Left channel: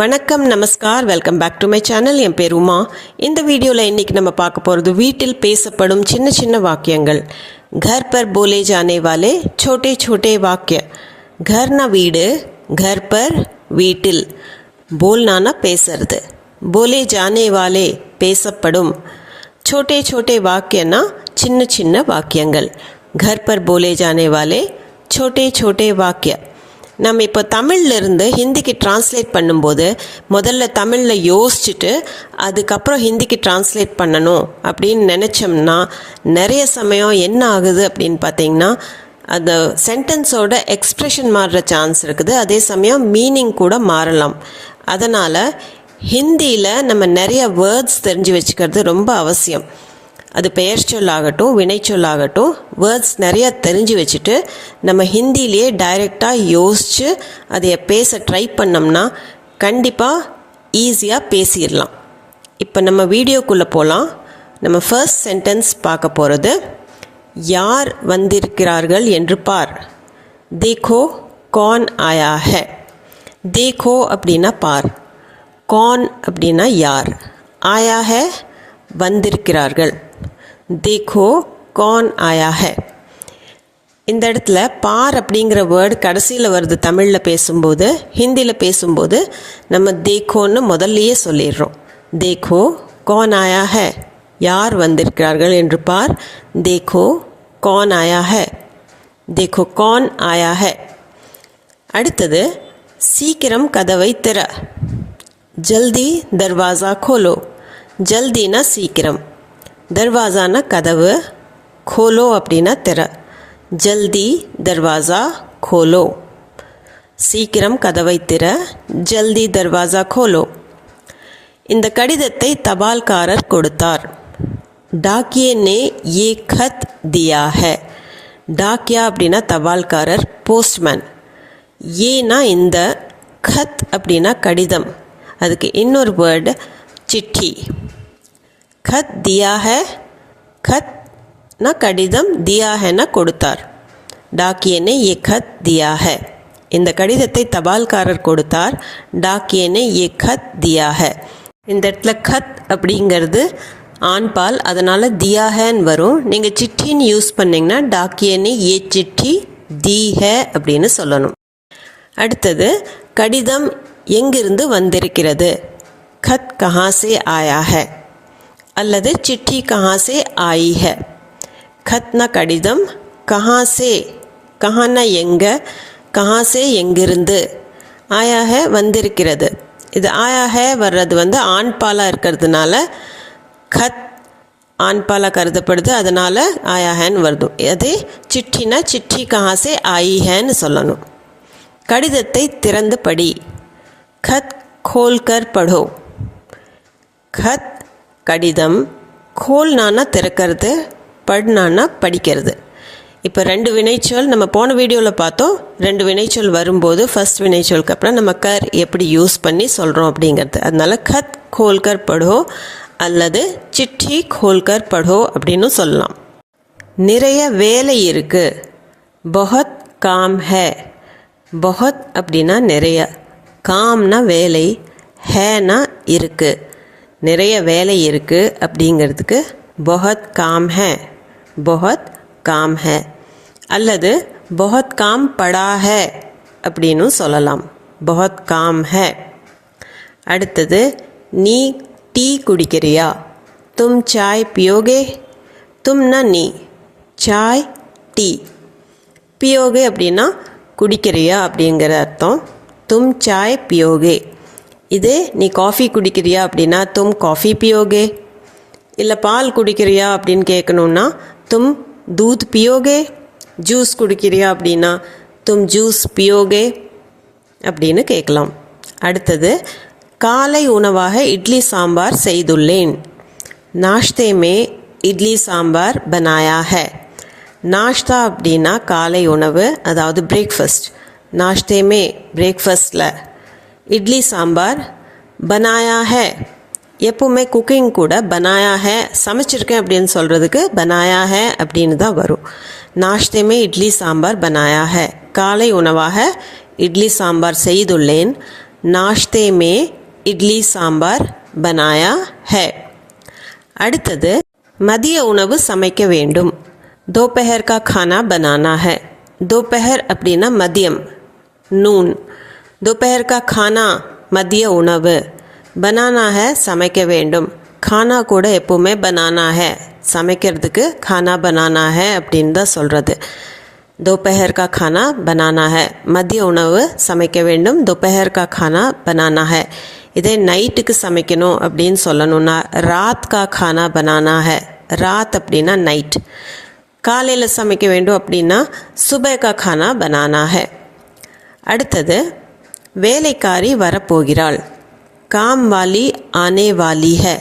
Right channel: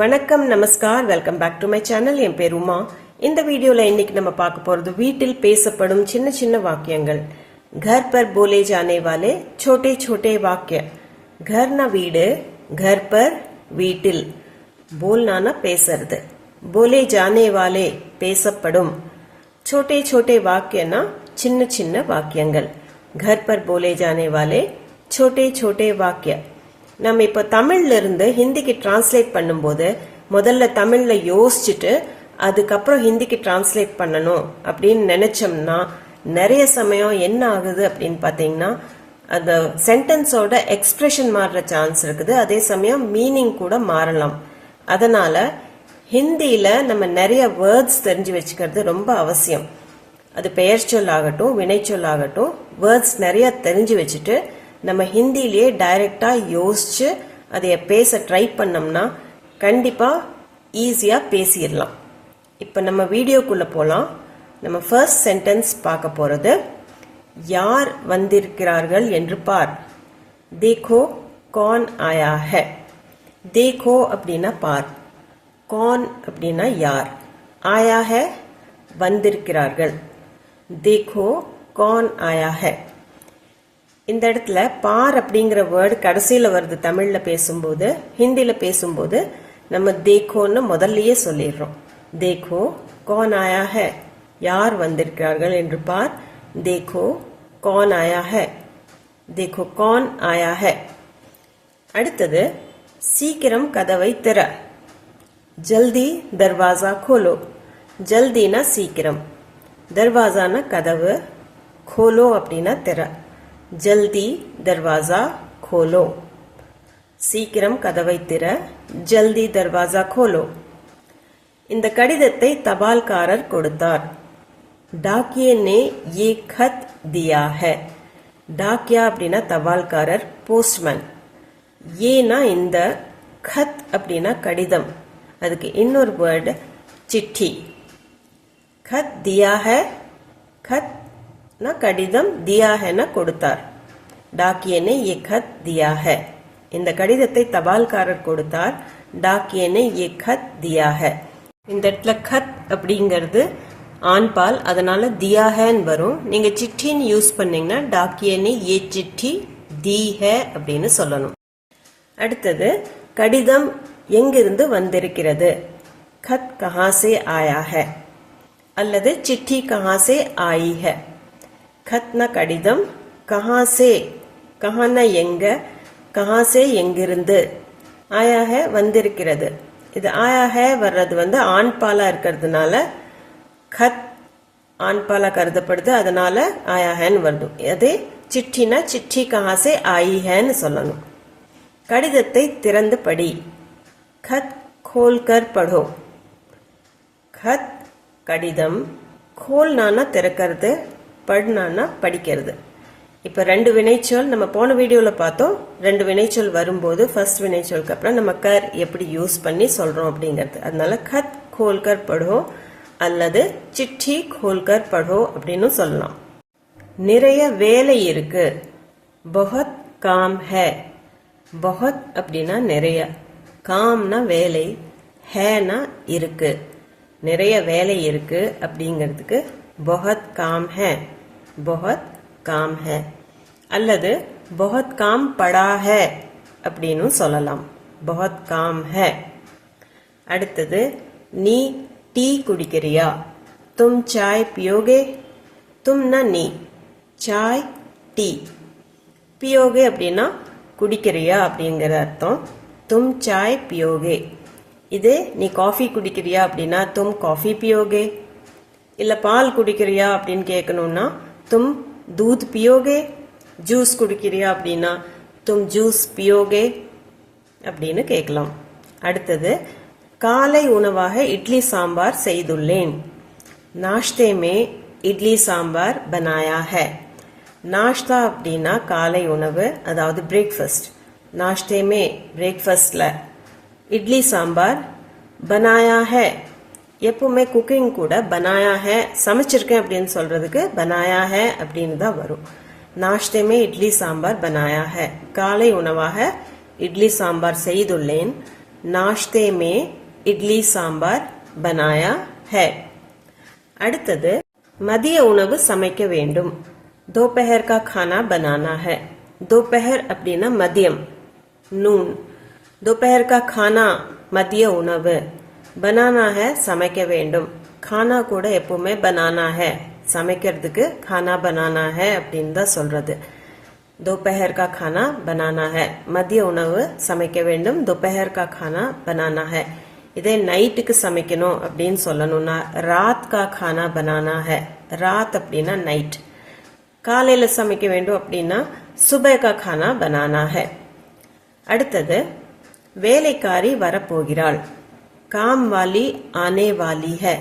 வணக்கம், நமஸ்கார், welcome back to my channel. என் பேர் உமா. இந்த வீடியோவில் இன்றைக்கி நம்ம பார்க்க போகிறது வீட்டில் பேசப்படும் சின்ன சின்ன வாக்கியங்கள். घर पर बोले जाने वाले छोटे छोटे वाक्य. घरना வீடு, घर पर வீட்டில், बोलना பேசுறது, बोले जाने वाले பேசப்படும், छोटे छोटे वाक्यना சின்ன சின்ன வாக்கியங்கள். घर पर बोले जाने वाले छोटे छोटे वाक्य. நம்ம இப்போ தமிழ்லேருந்து ஹிந்திக்கு டிரான்ஸ்லேட் பண்ணும்போது முதல்ல தமிழில் யோசிச்சுட்டு அதுக்கப்புறம் ஹிந்திக்கு டிரான்ஸ்லேட் பண்ணணும் அப்படின்னு நினச்சோம்னா நிறைய சமயம் என்ன ஆகுது அப்படின்னு பார்த்தீங்கன்னா அந்த சென்டென்ஸோட எக்ஸ்ப்ரெஷன் மாறுற சான்ஸ் இருக்குது. அதே சமயம் மீனிங் கூட மாறலாம். அதனால் ஹிந்தியில் நம்ம நிறைய வேர்ட்ஸ் தெரிஞ்சு வச்சுக்கிறது ரொம்ப அவசியம். அது பெயர் சொல்லாகட்டும், வினைச்சொல்லாகட்டும், வேர்ட்ஸ் நிறையா தெரிஞ்சு வச்சுட்டு நம்ம ஹிந்திலேயே டைரெக்டாக யோசித்து அதை பேச ட்ரை பண்ணோம்னா கண்டிப்பாக ஈஸியாக பேசிடலாம். இப்போ நம்ம வீடியோக்குள்ளே போகலாம். நம்ம ஃபர்ஸ்ட் சென்டென்ஸ் பார்க்க போகிறது, யார் வந்திருக்கிறார்கள் என்று பார். தேக்கோ கौन आया है. தேக்கோ அப்படின்னா பார், கौन அப்படின்னா யார், ஆயா है வந்திருக்கிறார்கள். देखो कौन आया है. இந்த இடத்துல பார் அப்படிங்கிற வேர்டு கடைசியில் வருது. தமிழில் பேசும்போது, ஹிந்தியில் பேசும்போது நம்ம தேக்கோன்னு முதல்லையே சொல்லிடுறோம். தேக்கோ கौन आया है, யார் வந்திருக்கிறார்கள் என்று பார். தேக்கோ कौन आया है, देखो कौन आया है. அடுத்தது, சீக்கிரம் கதவை திற. ஜல்தி தர்வாசா खोलो. ஜல்தினா சீக்கிரம், दरवाज़ाना कदव, खोलो அப்படின்னா திற. ஜல்தி தர்வாசா खोलो, சீக்கிரம் கதவை திற, ஜல்தி தர்வாசா खोलो. இந்த கடிதத்தை தபால்காரர் கொடுத்தார். டாக்கியே ने ये खत दिया है. டாக்கியா அப்படின்னா தபால்காரர், போஸ்ட்மேன். ஏனா இந்த, खत அப்படின்னா கடிதம், அதுக்கு இன்னொரு வேர்டு चिट्ठी. खत दिया है, खत ना कடிதம், दिया है ना கொடுத்தார். डाकिये ने ये खत दिया है. இந்த கடிதத்தை தபால்காரர் கொடுத்தார். डाकिये ने ये खत दिया है. இந்த இடத்துல खत அப்படிங்கிறது ஆண்பால், அதனால் दिया हैன்னு வரும். நீங்கள் சிட்டின்னு யூஸ் பண்ணிங்கன்னா डाकिये ने ये चिट्ठी दी है அப்படின்னு சொல்லணும். அடுத்தது, கடிதம் எங்கிருந்து வந்திருக்கிறது. खत कहाँ से आया है அல்லது चिट्ठी कहाँ से आई है. खतना கடிதம், कहाँ से, कहाँனா எங்க, कहाँ से எங்கிருந்து, आया है வந்திருக்கிறது. இது आया है வர்றது ஆண்பாலாக இருக்கிறதுனால खत ஆண்பாலாக கருதப்படுது, அதனால் आया हैன்னு வருது. அதே चिट्ठीனா चिट्ठी कहाँ से आई हैன்னு சொல்லணும். கடிதத்தை திறந்து படி. खत खोल कर पढ़ो. खत கடிதம், கோல்னானா திறக்கிறது, பட்னானா படிக்கிறது. இப்போ ரெண்டு வினைச்சொல் நம்ம போன வீடியோவில் பார்த்தோம். ரெண்டு வினைச்சொல் வரும்போது ஃபர்ஸ்ட் வினைச்சொலுக்கு அப்புறம் நம்ம கர் எப்படி யூஸ் பண்ணி சொல்கிறோம் அப்படிங்கிறது. அதனால खत खोल कर पढ़ो அல்லது चिट्ठी खोल कर पढ़ो அப்படின்னு சொல்லலாம். நிறைய வேலை இருக்கு. बहुत काम है. बहुत அப்படின்னா நிறைய, காம்னா வேலை, ஹேனா இருக்கு. நிறைய வேலை இருக்குது அப்படிங்கிறதுக்கு बहुत काम है, बहुत काम है அல்லது बहुत काम पड़ा है அப்படின்னு சொல்லலாம். बहुत काम है. அடுத்தது, நீ டீ குடிக்கிறியா. तुम चाय पियोगे. तुमனா நீ, चाय டீ, पियोगे அப்படின்னா குடிக்கிறியா அப்படிங்கிற அர்த்தம். तुम चाय पियोगे. இதே நீ காஃபி குடிக்கிறியா அப்படின்னா தும் காஃபி பியோகே. இல்லை பால் குடிக்கிறியா அப்படின்னு கேட்கணுன்னா தும் தூத் பியோகே. ஜூஸ் குடிக்கிறியா அப்படின்னா தும் ஜூஸ் பியோகே அப்படின்னு கேட்கலாம். அடுத்தது, காலை உணவாக இட்லி சாம்பார் செய்துள்ளேன். நாஷ்தே மே இட்லி சாம்பார் பனாயா ஹை. நாஷ்தா அப்படின்னா காலை உணவு, அதாவது பிரேக்ஃபாஸ்ட். நாஷ்தே மே பிரேக்ஃபாஸ்டில், இட்லி சாம்பார் பனாயா ஹை. எப்போவுமே குக்கிங் கூட பனாயா ஹை, சமைச்சிருக்கேன் அப்படின்னு சொல்கிறதுக்கு பனாயா ஹை அப்படின்னு தான் வரும். நாஷ்தே இட்லி சாம்பார் பனாயா ஹை. காலை உணவாக இட்லி சாம்பார் செய்துள்ளேன். नाश्ते में इडली सांबार बनाया है. அடுத்தது மதிய உணவு சமைக்க வேண்டும். दोपहर का खाना बनाना है. दोपहर அப்படின்னா மதியம், நூன். दोपहर का खाना மதிய உணவு. बनाना है சமைக்க வேண்டும். खाना கூட எப்பவுமே बनाना है, சமைக்கிறதுக்கு खाना बनाना है அப்படின்னு தான் சொல்கிறது. दोपहर का खाना बनाना है, மதிய உணவு சமைக்க வேண்டும். दोपहर का खाना बनाना है. இதே நைட்டுக்கு சமைக்கணும் அப்படின்னு சொல்லணும்னா ராத் கா खाना बनाना है. ராத் அப்படின்னா நைட். காலையில் சமைக்க வேண்டும் அப்படின்னா சுபஹ் கா खाना बनाना है. அடுத்தது வேலைக்காரி வரப்போகிறாள். காம் வாலி ஆனே வாலி है.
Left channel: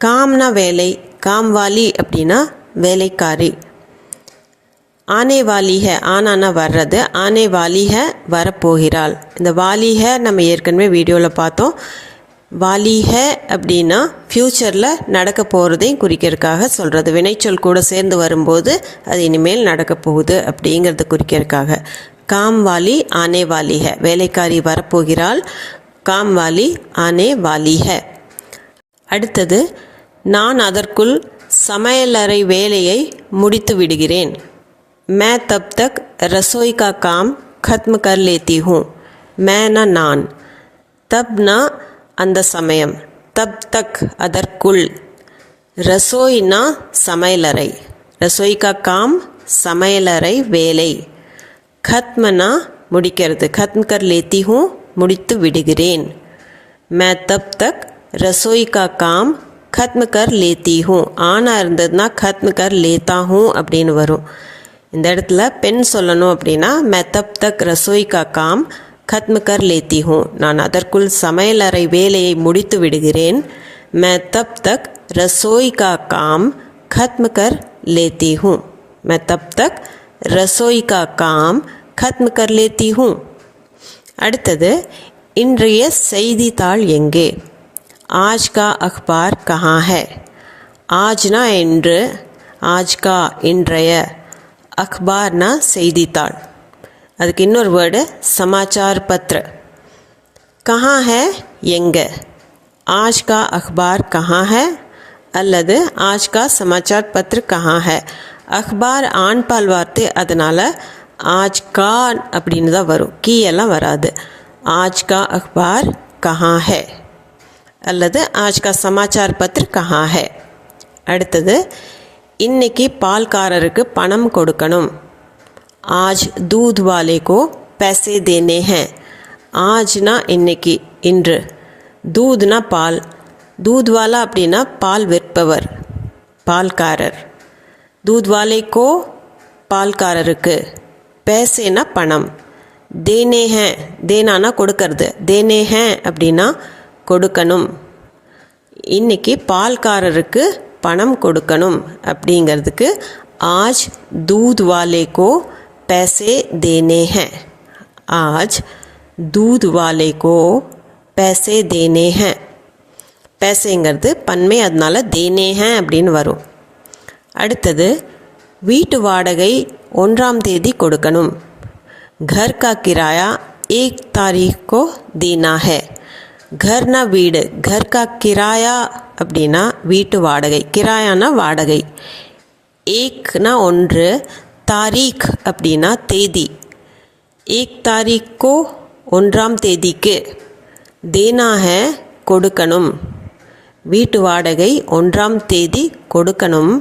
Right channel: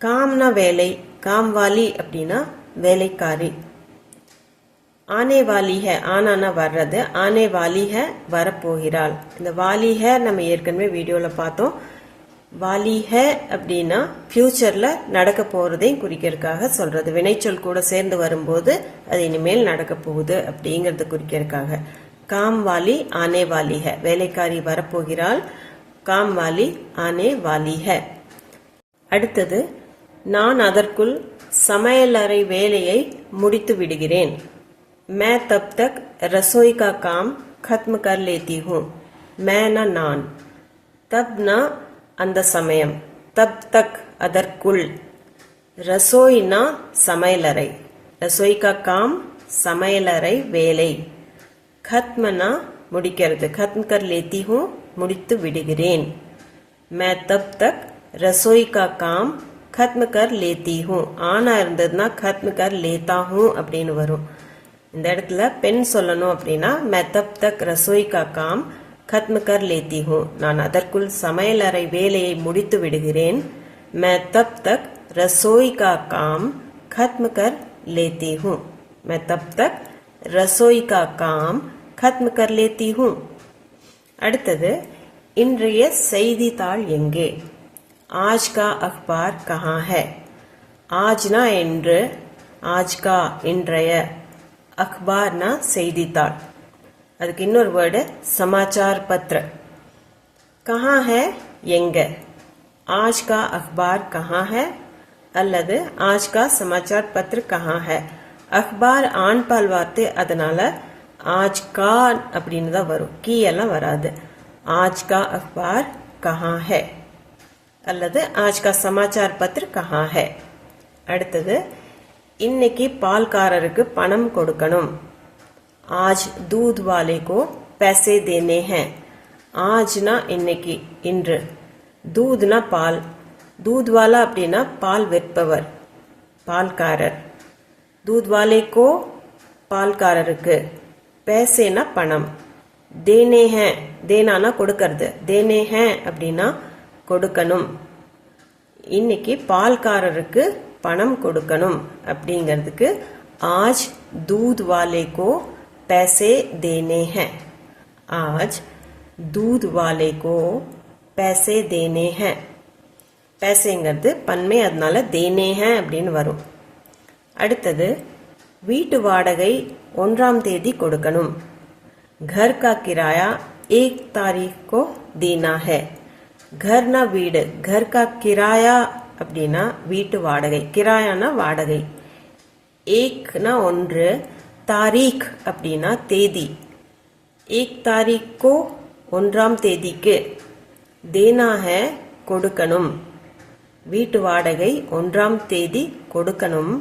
காம்னா வேலை, காம் வாலி அப்படின்னா வேலைக்காரி. ஆனே வாலி है, ஆனானா வர்றது, ஆனே வாலி है வரப்போகிறாள். இந்த வாலி है நம்ம ஏற்கனவே வீடியோவில் பார்த்தோம். வாலி है அப்படின்னா ஃப்யூச்சரில் நடக்க போகிறதையும் குறிக்கிறதுக்காக சொல்கிறது. வினைச்சொல் கூட சேர்ந்து வரும்போது அது இனிமேல் நடக்க போகுது அப்படிங்கிறத குறிக்கிறதுக்காக. காம் வாலி ஆனே வாலி है, வேலைக்காரி வரப்போகிறாள். காம் வாலி ஆனே வாலி है. அடுத்தது நான் அதற்குள் சமையலறை வேலையை முடித்து விடுகிறேன். मैं तब तक रसोई का काम खत्म कर लेती हूँ. मैं ना நான், तब ना அந்த சமயம், तब तक அதற்குள், ரசோய்னா சமையலறை, ரசோய் கா காம் சமையலறை வேலை, खत्मனா முடிக்கிறது, खत्म कर लेती हूँ முடித்து விடுகிறேன். मैं तब तक रसोई का काम खत्म कर लेती हूँ. ஆனா இருந்ததுன்னா खत्म कर लेता हूँ அப்படின்னு வரும். இந்த இடத்துல பெண் சொல்லணும் அப்படின்னா मैं तब तक रसोई का काम खत्म कर लेती हूँ. நான் அதற்குள் சமையலறை வேலையை முடித்து விடுகிறேன். मैं तब तक रसोई का काम खत्म कर लेती हूँ. मैं तब तक रसोई का काम खत्म कर लेती हूँ. அடுத்தது இன்றைய செய்தித்தாள் எங்கே? आज का अखबार कहाँ है? ஆஜ்னா என்று, ஆஜ் கா இன்றைய, அக்பார்னா செய்தித்தாள். அதுக்கு இன்னொரு வேர்டு சமாச்சார் பத்ர. கஹா ஹே எங்கே? ஆஜ் கா அக்பார் கஹா ஹே அல்லது ஆஜ் கா சமாச்சார் பத்ர கஹா ஹே. அக்பார் ஆண் பால் வார்த்தை, அதனால் ஆஜ் கா அப்படின்னு தான் வரும், கீ எல்லாம் வராது. ஆஜ் கா அக்பார் கஹா ஹே அல்லது ஆஜ் கா சமாச்சார் பத்ர கஹா ஹே. அடுத்தது இன்னைக்கு பால்காரருக்கு பணம் கொடுக்கணும். ஆஜ் दूध वाले को पैसे देने हैं. ஆஜ்னா இன்னைக்கு, இன்று. दूधனா பால், दूध वाला அப்படின்னா பால் விற்பவர், பால்காரர். दूध वाले को பால்காரருக்கு, पैसेனா பணம், देने हैं देनाனா கொடுக்கறது, देने हैं அப்படின்னா கொடுக்கணும். இன்னைக்கு பால்காரருக்கு பணம் கொடுக்கணும் அப்படிங்கிறதுக்கு आज दूध वाले को पैसे देने हैं. आज दूध वाले को पैसे देने हैं. पैसेங்கிறது பன்மை, அதனால देने हैं அப்படின்னு வரும். அடுத்தது வீட்டு வாடகை 1ஆம் தேதி கொடுக்கணும். घर का किराया 1 तारीख को देना है. घरனா வீடு, घर का किराया அப்படின்னா வீட்டு வாடகை, கிராயானா வாடகை. ஏக்னா 1, தாரீக் அப்படின்னா தேதி. 1 तारीख को 1ஆம் தேதிக்கு, தேனா ஹே கொடுக்கணும், வீட்டு வாடகை 1ஆம் தேதி கொடுக்கணும்.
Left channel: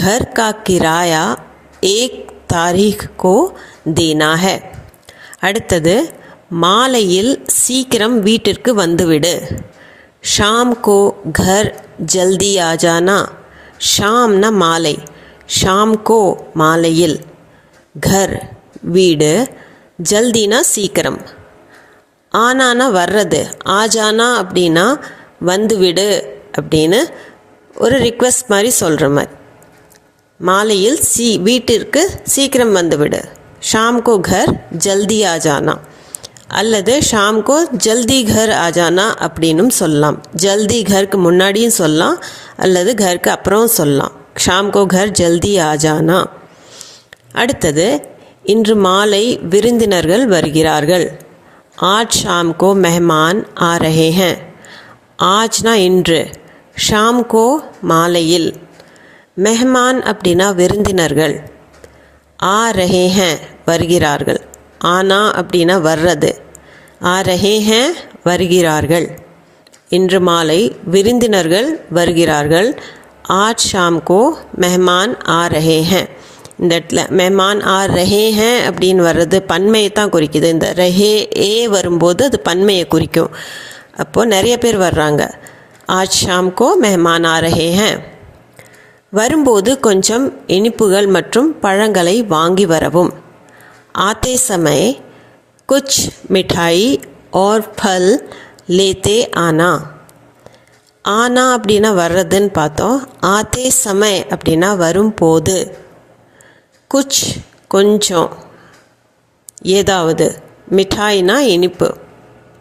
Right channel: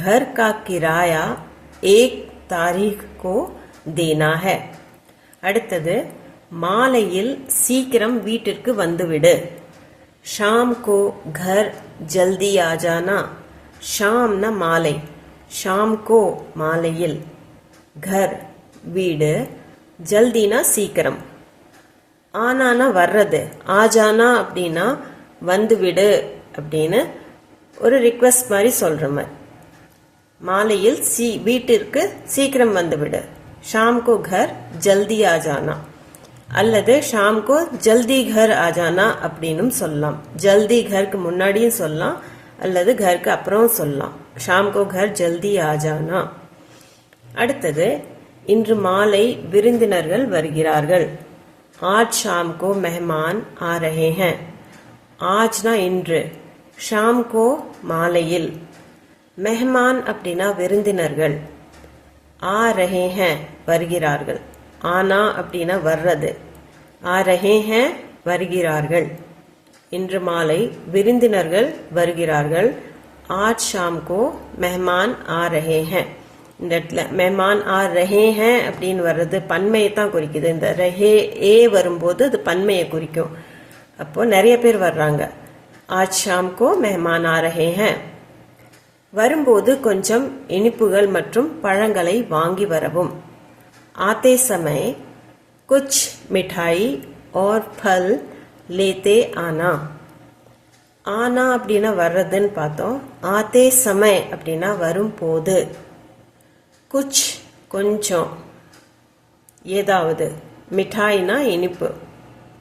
घर का किराया 1 तारीख को देना है. அடுத்தது மாலையில் சீக்கிரம் வீட்டிற்கு வந்துவிடு. ஷாம் கோ घर जल्दी आ जाना. ஷாம்னா மாலை, ஷாம் கோ மாலையில், घर வீடு, ஜல்தினா சீக்கிரம், ஆனானா வர்றது, ஆஜானா அப்படின்னா வந்துவிடு அப்படின்னு ஒரு ரிக்வெஸ்ட் மாதிரி சொல்கிற மாதிரி. மாலையில் வீட்டிற்கு சீக்கிரம் வந்துவிடு. ஷாம் கோ घर जल्दी आ जाना அல்லது ஷாம் கோ ஜல்தி घर आ जाना அப்படின்னும் சொல்லலாம். ஜல்தி घरக்கு முன்னாடியும் சொல்லலாம் அல்லது घरக்கு அப்புறம் சொல்லலாம். ஷாம் கோ घर जल्दी आ जाना. அடுத்தது இன்று மாலை விருந்தினர்கள் வருகிறார்கள். आज शाम को मेहमान आ रहे हैं. ஆஜ்னா இன்று, ஷாம் கோ மாலையில். மெஹமான் அப்படின்னா விருந்தினர்கள். ஆ ரஹே ஹேன் வருகிறார்கள். ஆனா அப்படின்னா வர்றது. ஆ ரஹே ஹேன் வருகிறார்கள். இன்று மாலை விருந்தினர்கள் வருகிறார்கள். ஆஜ் ஷாம் கோ மெஹமான் ஆ ரஹே ஹேன். இந்த இடத்துல மெஹமான் ஆ ரஹே ஹேன் அப்படின்னு வர்றது பன்மையை தான் குறிக்குது. இந்த ரஹே ஏ வரும்போது அது பன்மையை குறிக்கும். அப்போது நிறைய பேர் வர்றாங்க. ஆஜ் ஷாம் கோ மெஹமான் ஆ ரஹே ஹேன். வரும்போது கொஞ்சம் இனிப்புகள் மற்றும் பழங்களை வாங்கி வரவும். ஆத்தே சமய் குச் மிட்டாய் और फल लेते आना. ஆனா அப்படின்னா வர்றதுன்னு பார்த்தோம். ஆத்தே சமய் அப்படின்னா வரும்போது. குச் கொஞ்சம், ஏதாவது. மிட்டாய்னா இனிப்பு.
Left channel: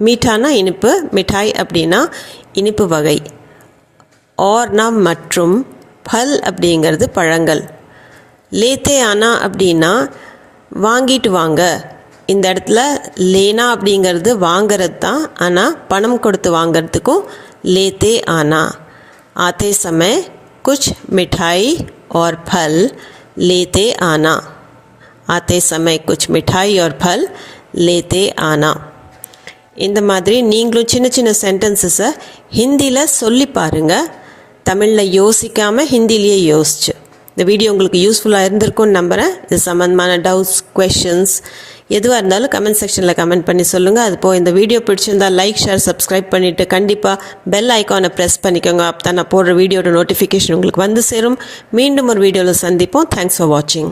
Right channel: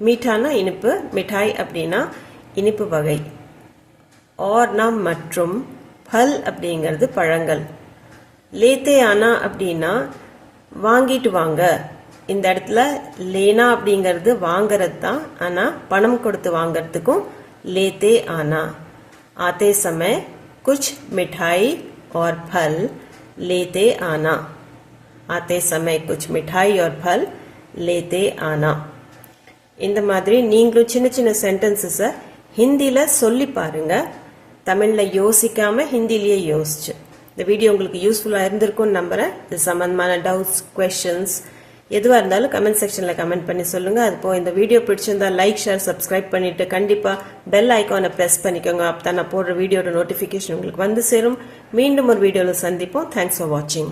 மீட்டானா இனிப்பு, மிட்டாய் அப்படின்னா இனிப்பு வகை. ஆர்னா மற்றும், பல் அப்படிங்கிறது பழங்கள். லேத்தே ஆனா அப்படின்னா வாங்கிட்டு வாங்க. இந்த இடத்துல லேனா அப்படிங்கிறது வாங்கிறது தான், ஆனால் பணம் கொடுத்து வாங்கிறதுக்கும் லேத்தே ஆனா. ஆத்தே சமய் குச் மிட்டாய் और फल लेते आना. आते समय कुछ मिठाई और फल लेते आना. இந்த மாதிரி நீங்களும் சின்ன சின்ன சென்டென்சஸை ஹிந்தியில் சொல்லி பாருங்கள். தமிழில் யோசிக்காமல் ஹிந்திலேயே யோசிச்சு. இந்த வீடியோ உங்களுக்கு யூஸ்ஃபுல்லாக இருந்திருக்கும்னு நம்புகிறேன். இது சம்மந்தமான டவுட்ஸ், கொஷின்ஸ் எதுவாக இருந்தாலும் கமெண்ட் செக்ஷனில் கமெண்ட் பண்ணி சொல்லுங்கள். அதுபோல் இந்த வீடியோ பிடிச்சிருந்தால் லைக், ஷேர், சப்ஸ்கிரைப் பண்ணிவிட்டு கண்டிப்பாக பெல் ஐக்கானை ப்ரெஸ் பண்ணிக்கோங்க. அப்போ தான் நான் போடுற வீடியோட நோட்டிஃபிகேஷன் உங்களுக்கு வந்து சேரும். மீண்டும் ஒரு வீடியோவில் சந்திப்போம். தேங்க்ஸ் ஃபார் வாட்சிங்.